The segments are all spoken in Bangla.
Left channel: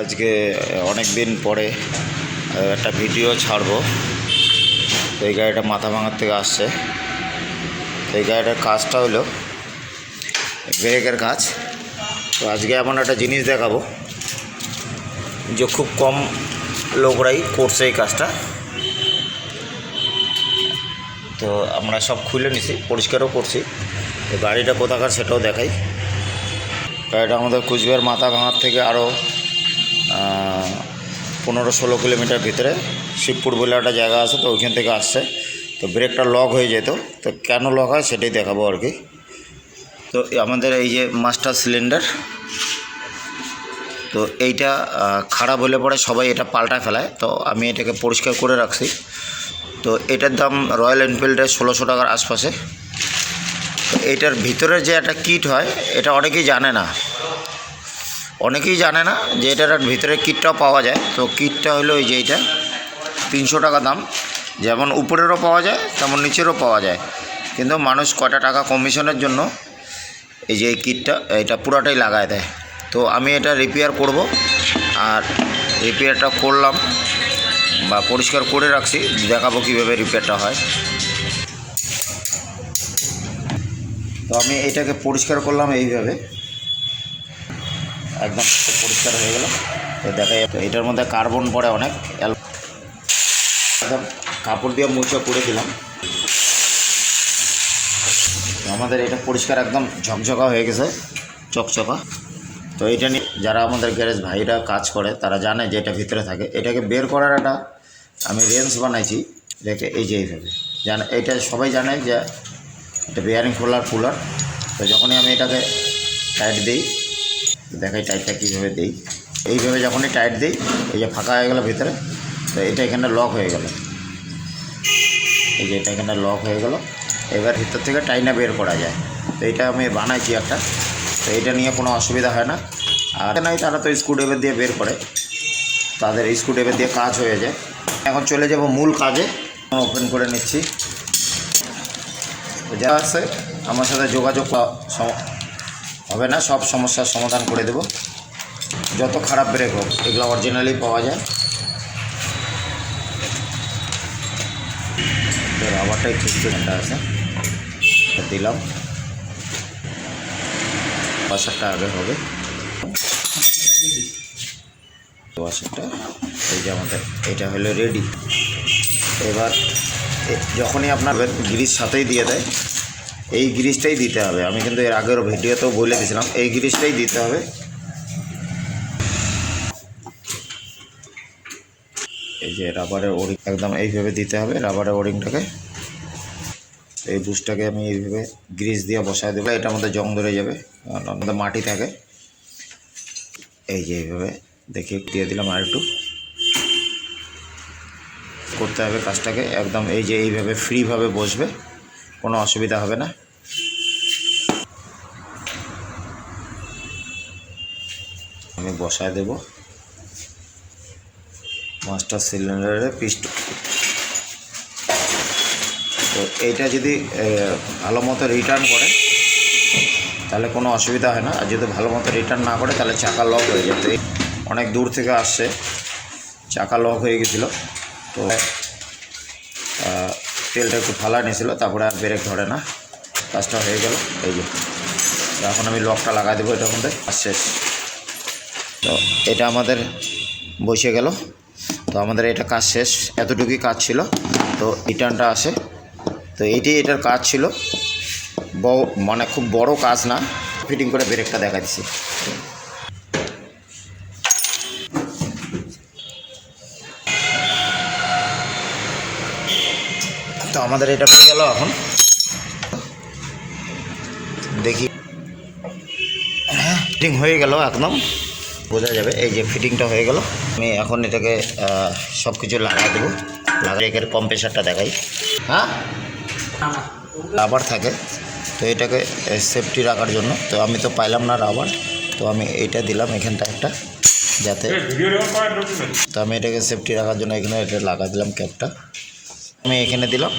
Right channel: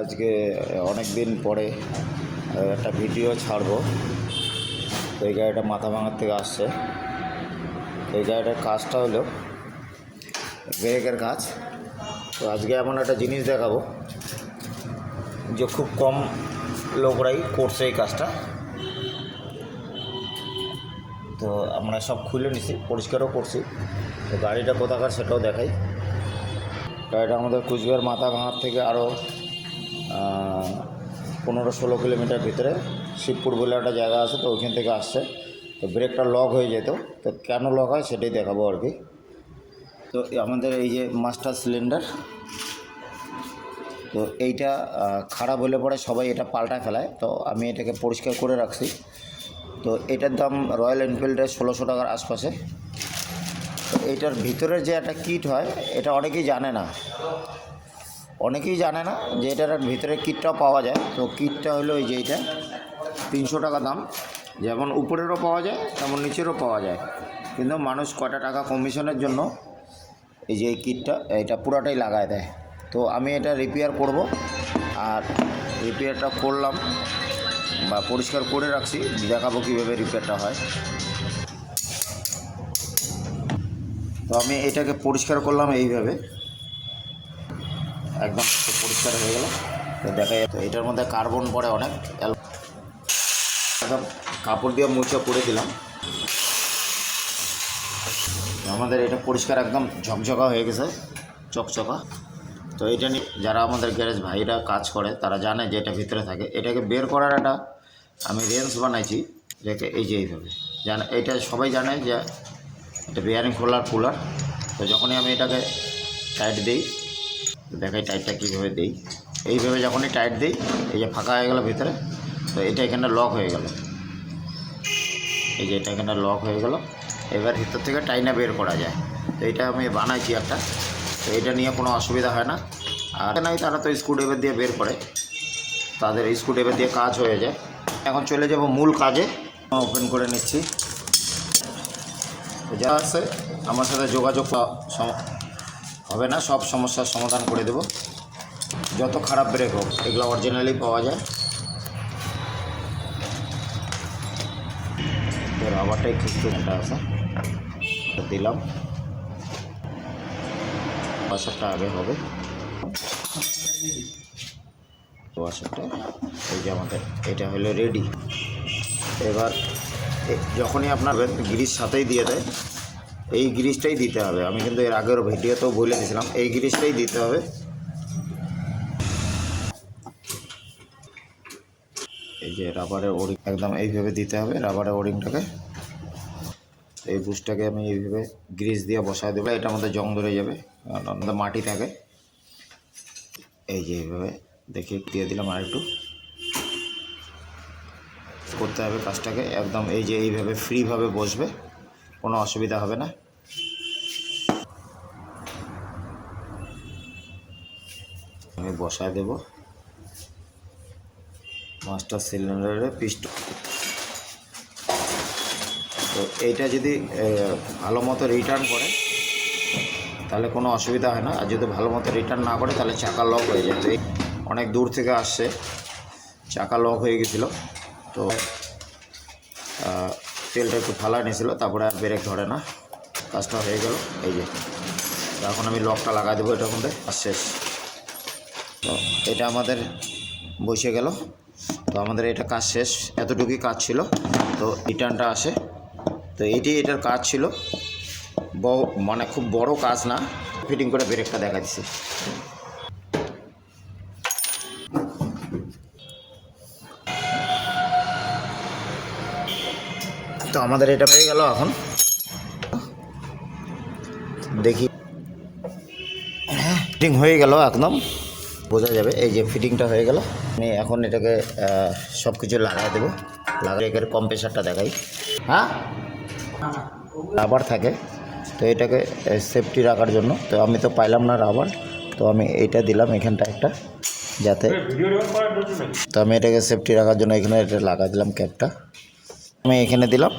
আজকে অনেক দিন পরে একটা ভিডিও ছাড়বো। এই গাড়িটা মাথা ভাঙার থেকে আসছে। এই গাড়িটার কাজটা হলো ব্রেকের কাজ। তো আজকে এমন একটা জিনিস দেখাবো যে খুব কম লোকরাই করছে এই কাজটা। তো আমরা সব খুলে নিছি, পরিষ্কারও করছি। তো গাড়িটা কোথাকার সেটাও দেখাই। গাড়িটা আমাদের কুচবিহার মাথা ভাঙার থেকে আরও 15-16 কিলোমিটার ভিতরে শিবপুর বলে একটা জায়গা আছে, তো ওইখান থেকে আসছে। তো ব্রেকটা লক হয়ে যেত, তো কেন লক হয় সেটাই দেখাবো আর কি। তো আমাদের এই যে মাস্টার সিলিন্ডার, তো এইটা খারাপ হলে পরে সবাই এটা পাল্টা ফেলায়। তো আমি এটাকে পরিষ্কার করে রাখছি। তো এটার দাম রয়্যাল এনফিল্ডের 1600 টাকার আশপাশে। তো এইটার ভিতরে যে একটা কিট হয়, এটা অনেকেই জানে না যে এটার ভিতরে কিটটাও পাওয়া যায়। তো কিটটা হলো এই যে এইটা 300 টাকা দাম। যেমন উপরেরও পাওয়া যায় তেমন নিচেরও পাওয়া যায়, কিন্তু মানুষ কটা টাকা কমিশনের জন্য এই যে এই কিটটা এটা পুরাটাই লাগায় দেয়। তো আমি এটা রিপেয়ার করব, আর রিপেয়ারটা করলাম বা পরিষ্কার করে রাখছি, দেখাবো কীভাবে রিপেয়ারটা হয়। তো আমি এটাকে পরিষ্কার করলাম এইভাবে, একদম পরিষ্কার হয়ে গেল। তো দেখা যাচ্ছে এটার মধ্যে কার্বন পড়ে অনেক, একদম কাপড় দিয়ে মুছে করে দিলাম। আমাদের এটা পরিষ্কার একদম ঝকঝকা হয়ে গেছে, চকচকা। তো এটা নিয়ে যারা আমাদের গ্যারেজ ভাইরা কাজ করে তারা জানে যে এটা ভিতরে থাকে। এটাকে বের করার একটা আমি রেঞ্জ বানাইছি, দেখে এই যে এইভাবে জানে, এটা সবাই জানে যে এটা বেয়ারিং খোলার কুলার। তো যখনই আমি এটাকে টাইট দিই, দেখাই টাইটটা কীভাবে দিই। এইভাবে যখনই টাইট দিই, এই যে ফাঁকা হয়ে গেল ভিতরে, তো এটা এখানে লক হয়ে গেল। এই যে এটা এখানে লক হয়ে গেল। এবার ভিতর থেকে টাইনা বের করা যায়। তো এটা আমি বানাইছি একটা, তো এটা নিয়ে কোনো অসুবিধা হয় না। আর নাই তারা তো স্ক্রুড্রাইভার দিয়ে বের করে, তাদের স্ক্রুড্রাইভার দিয়ে কাজ হয়ে যায়। এখন চলে যাব মূল কাজে। ওপেন করে নিচ্ছি। যা আছে আমার সাথে যোগাযোগ হবে না, সব সমস্যার সমাধান করে দেব। যত খারাপ ব্রেক হোক, এগুলো অরিজিনালি পাওয়া যায়। রাবারটাই খুঁজতে আছে, দিলাম। ওয়াশারটা আগে হবে, ওয়াশারটা এই যে আমাদের এটা হলো রেডি। এবার যখনই আপনার গ্রিজ সাথেই দিয়ে দেয়, এই গ্রিজটাই দিতে হবে। আমি কিন্তু এর আগের ভিডিওতেও বলে দিয়েছিলাম, এই গ্রিজটাই দিতে হবে। এই যে রাবারের ওরিং একদম এইভাবে দিতে হবে। রাবারের ওরিংটাকে, এই বুশটাকে আমি এইভাবে গ্রিজ দিয়ে বসায় দেবো। এটার মধ্যে জং ধরে যাবে, আমাদের মাটি থাকে। এই যে এইভাবে দেখে দিয়ে দিলাম। আর একটু করতে হবে কাজটাকে একদম, এই যে এইভাবে ফ্রিভাবে বসবে, কোনো অসুবিধা হবে না। আমি বসায় দেব মাস্টার সিলিন্ডারের পিস্টন। তো এইটা যদি ভালো মতো রিটার্ন করে তাহলে কোনো অসুবিধা হয় না, আর যদি ভালো মতো রিটার্ন না করে তাহলে চাকা লক হয়ে যায়। তো অনেক দূর থেকে আসছে, চাকা লক হয়ে গেছিলো। তো তেলটা একটু ফালা নিয়েছিল, তারপরে আর ব্রেক ধরে না। কাজটা হয়ে গেল। এই যে এখন আমি লকটা লাগাই দেবো এটার মধ্যে, আর শেষ। তো এটা আমাদের বসে গেল। তো আমাদের এটা কাজ শেষ, এতটুকুই কাজ ছিল। তো রিটার্নটা আসে, তো এইটাই এটার কাজ ছিল। মানে খুব বড় কাজ না। ফিটিং করে ব্রেকটা দেখা দিচ্ছি। তো আমাদের এটা পেয়ে গেল। এখন দেখি, হ্যাঁ ফিটিং হয়ে গেল, একদম বোঝা যাবে। এই যে ফিটিংটা হয়ে গেল। আমি এখন এটাকে সব কিছু লাগাই দেবো। ব্রেকের কম্প্রেসারটা দেখাই। হ্যাঁ রাবার থাকে, তো এটাকে সেফটি রাখার জন্য। তো আমি তো পাইলাম না রাবার, তো আমি এইটা দিলাম এখানটা একটা, যাতে। তো আমি এটাকে সেফটি রাখার জন্য এখানে এটা লাগা দিলাম, ক্যাপটা আমি এখানে দিলাম।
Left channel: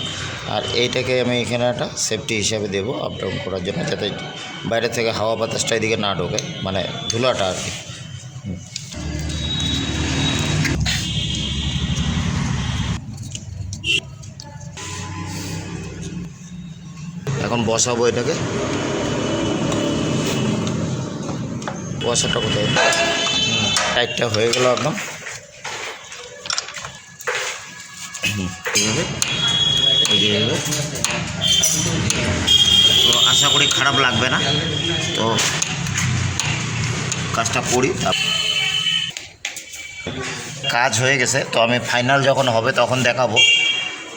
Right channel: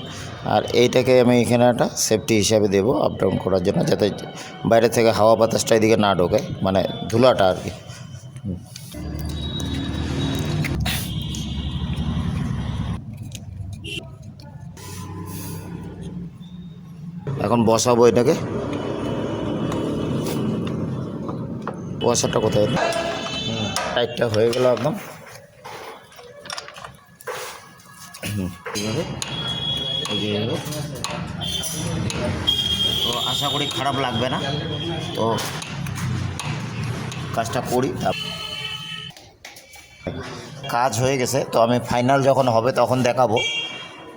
আর এইটাকে আমি এখানে একটা সেফটি হিসাবে দেবো আপ ডাউন করার জন্য, যাতে বাইরে থেকে হাওয়া বাতাসটা এদিকে না ঢোকে, মানে ধুলাটা আর কি। এখন বসাবো এটাকে। বসাটা কোথায়? টাইটটা হয়ে গেল একদম। তো আশা করি খারাপ লাগবে না। তো কাজটা করি। কাজ হয়ে গেছে, তো আমি ফাইনাল যখন হবে তখন দেখাবো।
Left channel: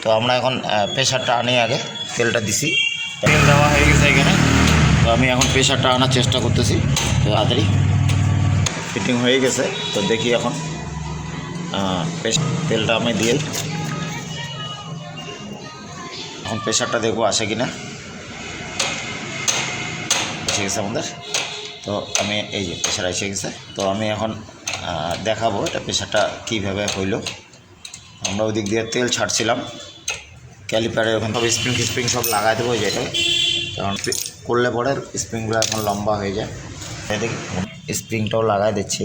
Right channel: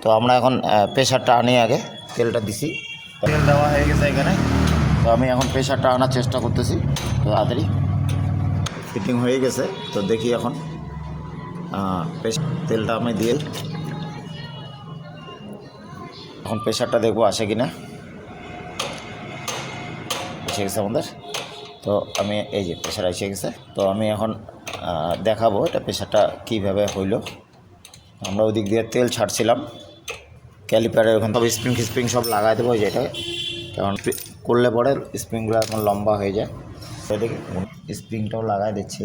তো আমরা এখন প্রেশারটা আনি, আগে তেলটা দিছি, তেল দেওয়া হয়ে গেছে এখানে। তো আমি এখন প্রেশারটা আনার চেষ্টা করতেছি। তো তাড়াতাড়ি ফিটিং হয়ে গেছে। তো দেখি এখন তেলটা আমি দিয়ে এখন প্রেশারটা দেখবো আসে কি না। এসে গেছে আমাদের। তো আমি এই যে প্রেশার এসে গেছে। তো আমি এখন দেখাবো এটা প্রেশারটা কীভাবে হইল। আমরা ওই দিক দিয়ে তেল ছাড়ছিলাম ক্যালিপারে, ওখানে সব স্প্রিং সব লাগাই দেবো যেটাকে, কারণ করলে পরে স্প্রিংগুলো এখন লম্বা হয়ে যায়। সেদিকে স্প্রিংটাও লাগাই দিচ্ছি।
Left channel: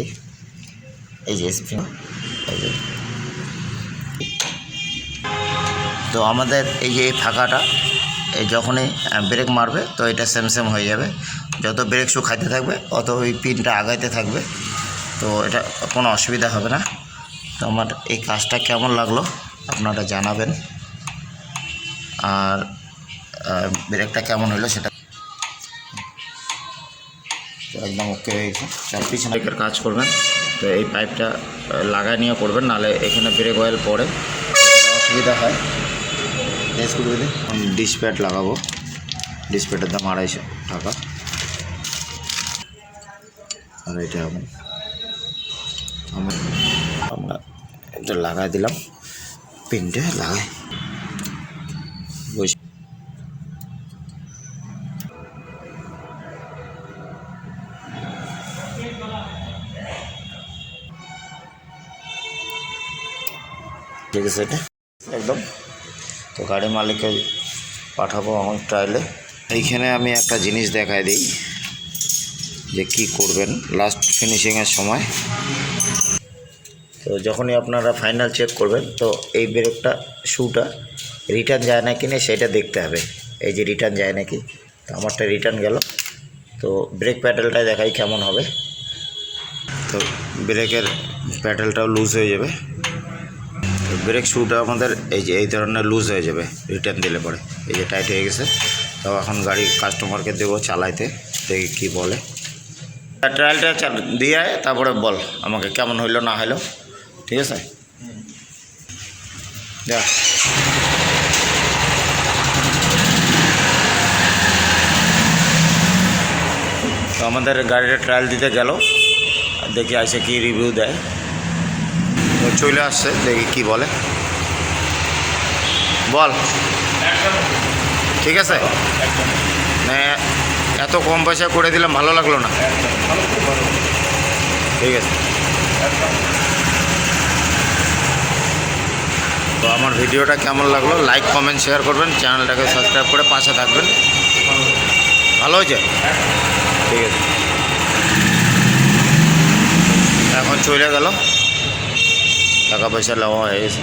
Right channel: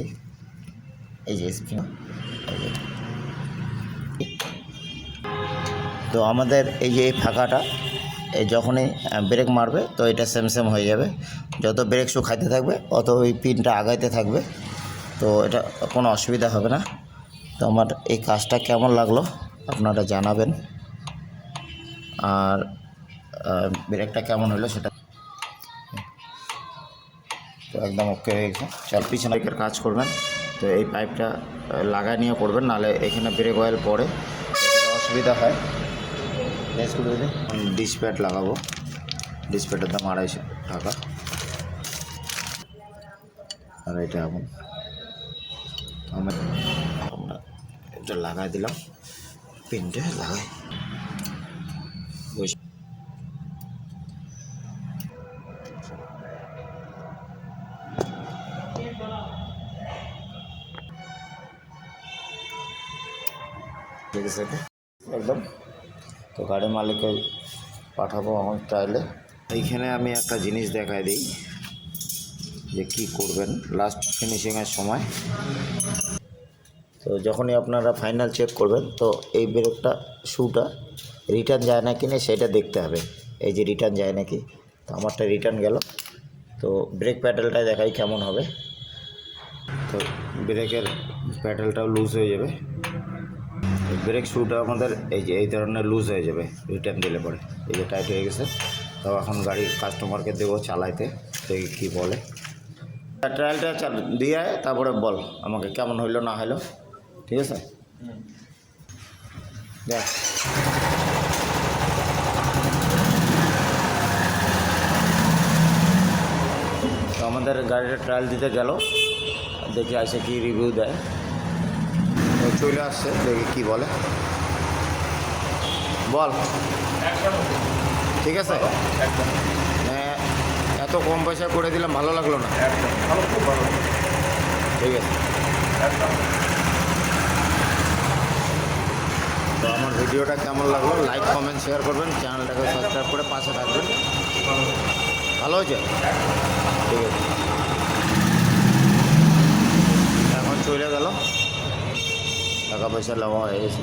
এই যে স্প্রিং, তো আমাদের এই যে ফাঁকাটা যখনই ব্রেক মারবে তো এটা সেম হয়ে যাবে। যত ব্রেক শু খাইতে থাকবে তত ওই পিনটা আগাইতে থাকবে। তো এটা কোনো অসুবিধা হবে না। তো আমার এই কাজটা কেমন লাগলো আপনারা জানাবেন, আর ব্রেকটা কেমন হলো সেটা। তো একদম ওকে হয়ে গেছে। পিছনে বাইকের কাজ করবেন তো এই পাইপটা লাগাই নিয়ে করবেন, নাহলে এখানে ব্রেক অয়েল পড়ে অসুবিধা হয়। ডিসপ্যাড লাগাবো, ডিসপ্যাডের দাম 250 টাকা। আর এটা এখন আমরা এটা লাগাই দিলাম, পিনটা লাগাই বসে। ঠিক আছে এটা একদম। তো গাড়ি মালিককে পাঠাবো আমার ট্রায়ালে। এইখানে আমি একটা জিনিস দেখাই দিই যে কি করবেন লাস্ট ফিনিশিংয়ের সময়। তো যখনই আপনারা ফাইনাল চেক করবেন তো এই ব্রেকটা শুটা রিটার্ন যায় না কি না সেটা দেখতে হবে। এই যে রিটার্ন যায় নাকি, তো আমারটা রিটার্ন গেল। তো ব্রেক প্যাডেলটা দেখাই কেমন হবে। তো ব্রেকের প্যাডেলটাও লুজ হয়ে যাবে। ব্রেক শুটা আমাদের এই যে এই ধরনের লুজ হয়ে যাবে রিটার্ন দিলে পরে। এই যে টাইট হয়ে গেছে। তো এখন গাড়ি কাস্টমারকে দেবো চালাইতে, দেখি কী বলে। ট্রায়ালটা দিয়ে তারপরে বল আমাকে কেমন হইলো না হইলো, ঠিক আছে? যা তো আমাদের গাড়িটা ট্রায়াল দিতে গেল, দেখি আসে কি রিভিউ দেয়। তো চলে আসছে, দেখি কি বলে। বল ঠিক আছে। এত কম পয়সা করে দিলাম, ভালো লাগলো না? ঠিক আছে। তো আমার ভিডিওটা কেমন লাগলো লাইক কমেন্ট শেয়ার করবেন, চ্যানেলটাকে সাবস্ক্রাইব করে পাশে থাকবেন। ভালো হয়েছে? ঠিক আছে। এখন চলে গেল, টাকা পয়সা নেওয়া হয়ে গেছে।